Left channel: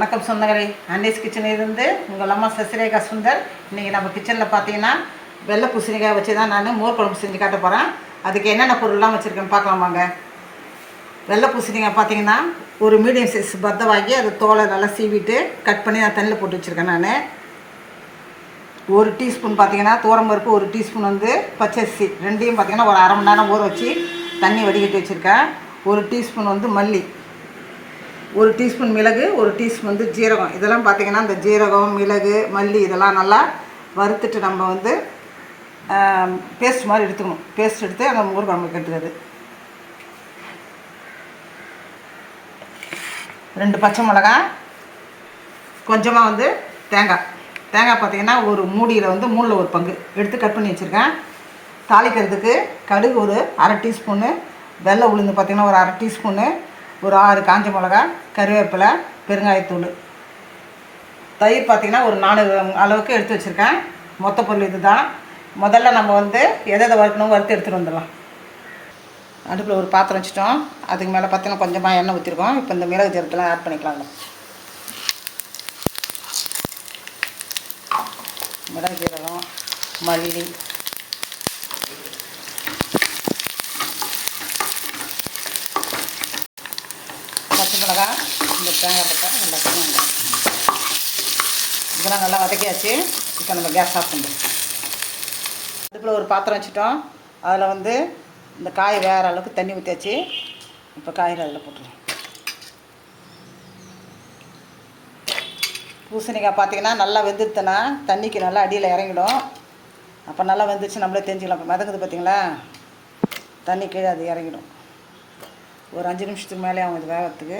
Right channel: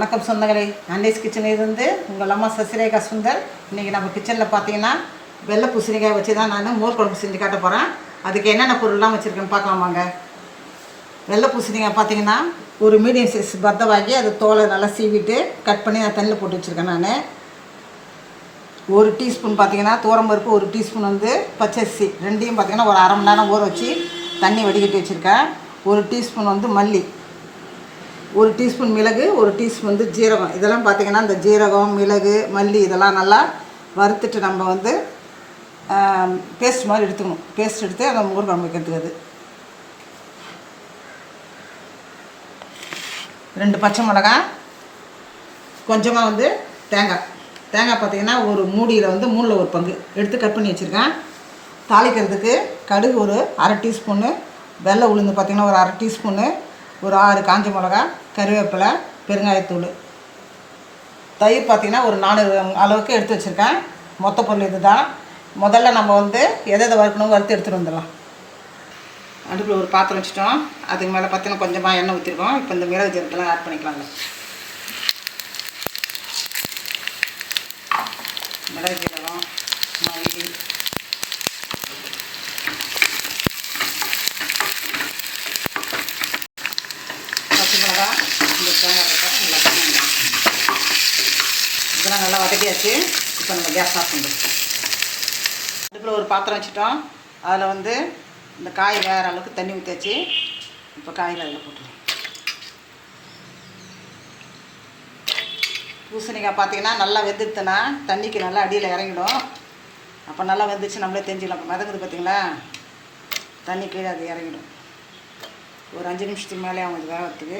வணக்கம் சொந்தங்களே, அண்டேஸ் கிச்சனிலிருந்து உங்கள் அம்மா சசிரேகா சுந்தர். இன்றைக்கி நம்ம கிச்சனில் பார்த்தீங்கன்னா வெள்ளை பூசணிக்காய் வச்சு தான் நான் மோர் குழம்பு செஞ்சு காட்ட போகிறேன். அதுக்கு என்னென்ன பொருள்லாம் வச்சுருக்கேன்னு பார்க்கலாமாங்க. வெள்ளை பூசணிக்காய் பார்த்தீங்கன்னா ஒரு மீடியம் சைஸ் பத்தை வாங்கி அது தோலை நல்லா சீவிட்டு கட் பண்ணி நான் தண்ணியில் போட்டு வச்சுருக்கேன். நான் ஒரு டீஸ்பூன் பார்த்தீங்கன்னா துவரம்பருப்பு, ஒரு டீஸ்பூன் பச்சரிசி, ரெண்டையும் பார்த்தீங்கன்னா ஒரு அரை மணி நேரம் ஊற வச்சு தண்ணி வடிகட்டி வச்சுருக்கேன். ஒரு டீஸ்பூன் மல்லி, ஒரு டீஸ்பூன் மிளகு, ஒரு டீஸ்பூன் ஜீரகம். இதெல்லாம் பார்த்திங்கன்னா இந்த ஜீரகம், மிளகு, மல்லி இதெல்லாம் நல்லா வறுத்துட்டு நம்ம பேஸ்ட் மாதிரி எடுத்துக்கணும். பேஸ்ட் எடுத்து அந்த மோர் குழம்புக்கு எடுத்துக்கிறது. 2 பச்சை மிளகாய், கொஞ்சமாக தேங்காய் பார்த்திங்கன்னா ஒரு மூடியில் 3ல் 1 பங்கு எடுத்து கட் பண்ணி வச்சுருக்கேன். தாளிக்கிறதுக்கு கடுகு ஒரு அரை டீஸ்பூனு, வெள்ளை உளுந்து பார்த்திங்கன்னா ஒரு அரை டீஸ்பூனு, ஒரு 6 காஞ்ச மிளகா, கருவேப்பிலை, பெருங்காயத்தூள், தயிர் பார்த்திங்கன்னா ஒரு 4 அளவுக்கு எடுத்து வச்சுருக்கேன். மொத்த பொருள் இது தான். முதல்ல நம்ம எதை வறுக்கணும் வறுத்து எடுத்துகிட்டு வந்துடலாம். அடுப்பில் ஒரு பாத்திரம் வச்சுட்டோம். அதுக்கு மேலே பார்த்தீங்கன்னா கொஞ்சமாக எண்ணெய் ஊற்றிருக்கோம். இப்போ இந்த மிளகு ஜீரகத்தெல்லாம் ஆட் பண்ணிக்கலாங்க. மிளகு ஜீரகம், மல்லி, பச்சை மிளகா, இந்த தேங்காய் இதெல்லாம் நல்லா வதக்கியாச்சு. இப்போ நம்ம கேஸ் ஆஃப் பண்ணுறோம். அதுக்குள்ள ஒரு பாத்திரம் வச்சுட்டோம். அதில் இந்த காய் வேறு அளவுக்கு தண்ணி ஊற்றியாச்சு. இப்போ காயில் அதில் போட்டுருவோம். பூசணிக்காய் பார்த்தீங்கன்னா நல்லா வெந்துடுத்துனா தண்ணிக்கு நல்லா அடியில் இறங்கிடும். அப்போ நல்லா வெந்துச்சு நம்மளே தெரிஞ்சுக்கலாம். இப்போ மிதக்குது பார்த்தீங்களா, தண்ணி கீழே அது இறங்கிடும். ஒரு 5 நிமிஷத்துக்கு மேலே அவங்க வேகத்துக்கு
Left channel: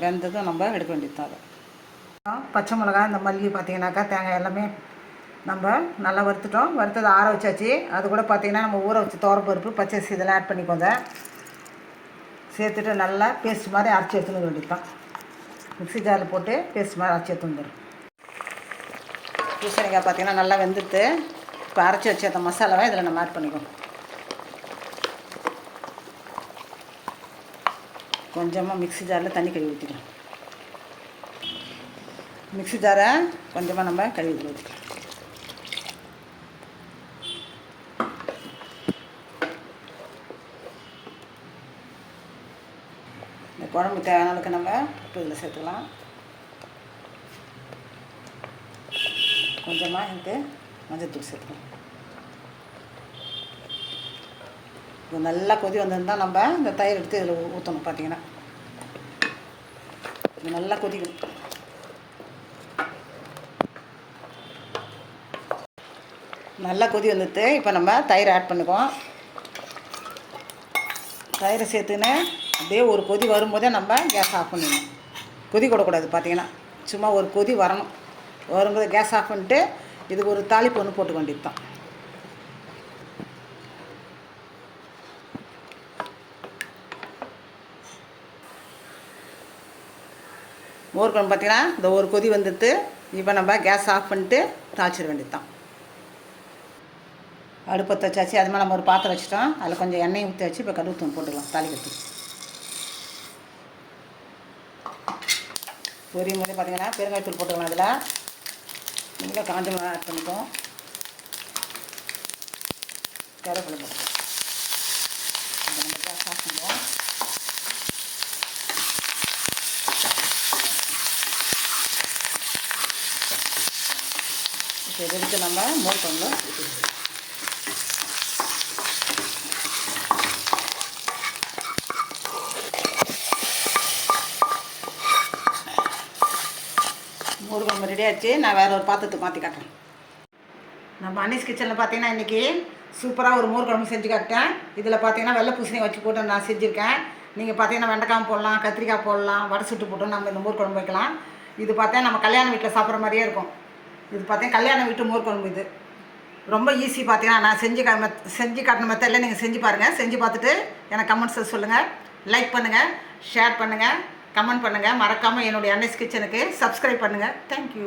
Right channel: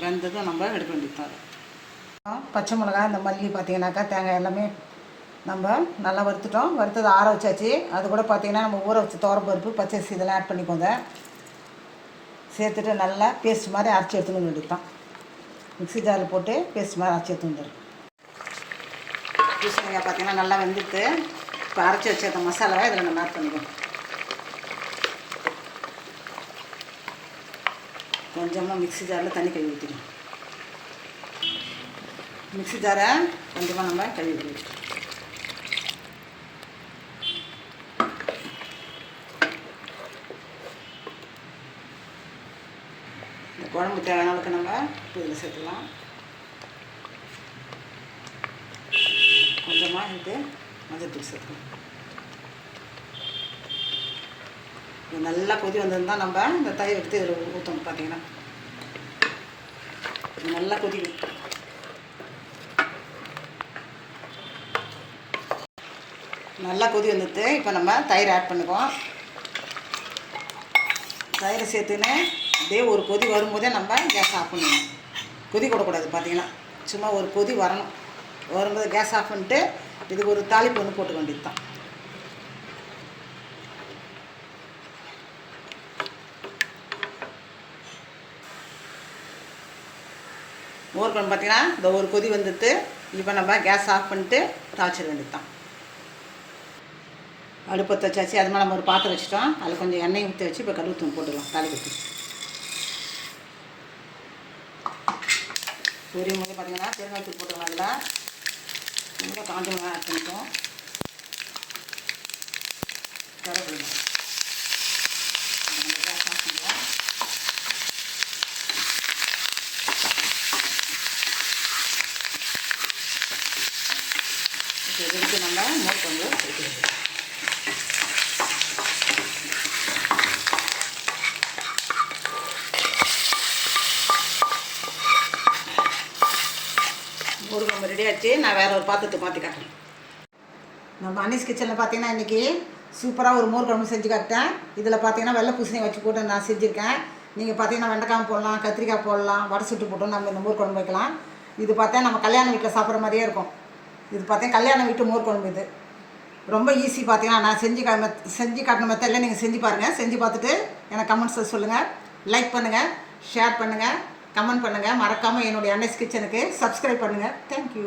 வெந்ததும் நம்ம எடுக்க வேண்டியது. பச்சை மிளகா, இந்த மல்லி பார்த்தீங்கன்னாக்கா தேங்காய் எல்லாமே நம்ம நல்லா வறுத்துட்டோம். வறுத்தது ஆற வச்சாச்சு. அது கூட பார்த்திங்கன்னா நம்ம ஊற வச்சு துவரம்பருப்பு, பச்சரிசி இதெல்லாம் ஆட் பண்ணிக்கோங்க. சேர்த்துட்டு நல்லா பேஸ்ட் மாதிரி அரைச்சி எடுத்துன்னு வேண்டியது தான். மிக்ஸி ஜாரில் போட்டு பேஸ்ட் மாதிரி அரைச்சி எடுத்து வந்துடும். பூசணிக்காய் பார்த்திங்கன்னா நல்லா வெந்துட்டு இப்போ அரைச்சி வச்ச அந்த மசாலாவை இதில் நம்ம ஆட் பண்ணிக்கோங்க. கொஞ்சமாக மிக்ஸி ஜாரில் தண்ணி கழுவி ஊற்றிக்கணும். மிக்ஸி ஜாரை கொஞ்சமாக நம்ம கழுவி ஊற்றிக்கணும். இந்த குழம்பு தேவையான அளவுக்கு நம்ம உப்பு இதில் சேர்த்துக்கலாம். கொஞ்சமாக மஞ்சள்தூள் சேர்த்துக்கலாம். இது நல்லா கொதி வந்திருந்தால் நம்ம இந்த தயிர் எடுத்து இதில் ஊற்றணும். பார்த்தீங்கன்னா இது நல்லா கொதிக்கும். நல்லா கொதி வந்துட்டு இப்போ நம்ம தயிர் ஆட் பண்ணிக்குவோம். தயிரை சேர்த்துன்னு அப்படியே ஒரு கொதி வரும்போதே நம்ம கேஸ் ஆஃப் பண்ணணும். கொதி கொடுக்கூடாது. பார்த்தீங்கன்னா சும்மா ஒரு கொதி வரணும். வரும்போது கேஸ் ஆஃப் பண்ணிட்டு இதுக்கு ஒரு தாளிப்பு போட்டுக்க வேண்டியது தான். மோர் குழம்பு பார்த்தீங்கன்னா இந்த ஒரு கொதி வந்துட்டு இப்போ நம்ம கேஸ் ஆஃப் பண்ணிட்டு தாளிச்சிட வேண்டியது தான். அடுப்பத்தை வச்சாச்சு. அது மேலே நம்ம ஒரு பாத்திரம் வச்சுட்டோம். அதில் கொஞ்சம் எண்ணெய் ஊற்றி வச்சு இப்போ கடுகு போட்டுக்கலாம். தாலி ஊற்றி பொரியும் போது பார்த்தீங்கன்னா பெருங்காயத்தூள் போட்டுக்கலாம். அதில் நல்லா காஞ்ச மிளகாய் ஆட் பண்ணிப்போம். கருவேப்பிலை நம்ம கேஸ் ஆஃப் பண்ணுவோம். இப்போ எடுத்து நம்ம மோர் குழம்புல ஊற்றிடுவோம். மோர் குழம்பு ரெடி ஆகிடுச்சு. நான் வேறு ஒரு பாத்திரத்துக்கு மாற்றி காட்டுறேன். நம்ம அன்னீஸ் கிச்சனில் பார்த்தீங்கன்னா இன்றைக்கி சூப்பராக ஒரு மோர் குழம்பு செஞ்சு காட்டேன். இதில் பார்த்தீங்கன்னா வெள்ளை பூசணி வச்சு போட்டு நான் செஞ்சுருக்கேன். நீங்கள் பார்த்தீங்கன்னா வெண்டைக்காய் போடலாம், கத்திரிக்காய் போடலாம், வடை சுட்டு போட்டு நம்ம இந்த மோர் குழம்பு வைக்கலாம். இது பார்த்தா நம்ம கல்யாண வீட்டில் சாப்பிட்ற மாதிரியே இருக்கும். இது பார்த்தீங்கன்னா கல்யாண வீட்டு மோர் குழம்பு. இது ரொம்ப ஈஸி. பார்த்தீங்கன்னா நான் செஞ்சு காட்டின மெத்தடில் நீங்கள் செஞ்சு பாருங்கள். செஞ்சு பார்த்துட்டு எனக்கு கமெண்ட்ஸில் சொல்லுங்கள். லைக் பண்ணுங்கள், ஷேர் பண்ணுங்கள், கமெண்ட் பண்ணுங்கள். மறக்காமல் என்னுடைய அன்னீஸ் கிச்சனுக்கு சப்ஸ்கிரைப் பண்ணுங்கள். தேங்க்யூ.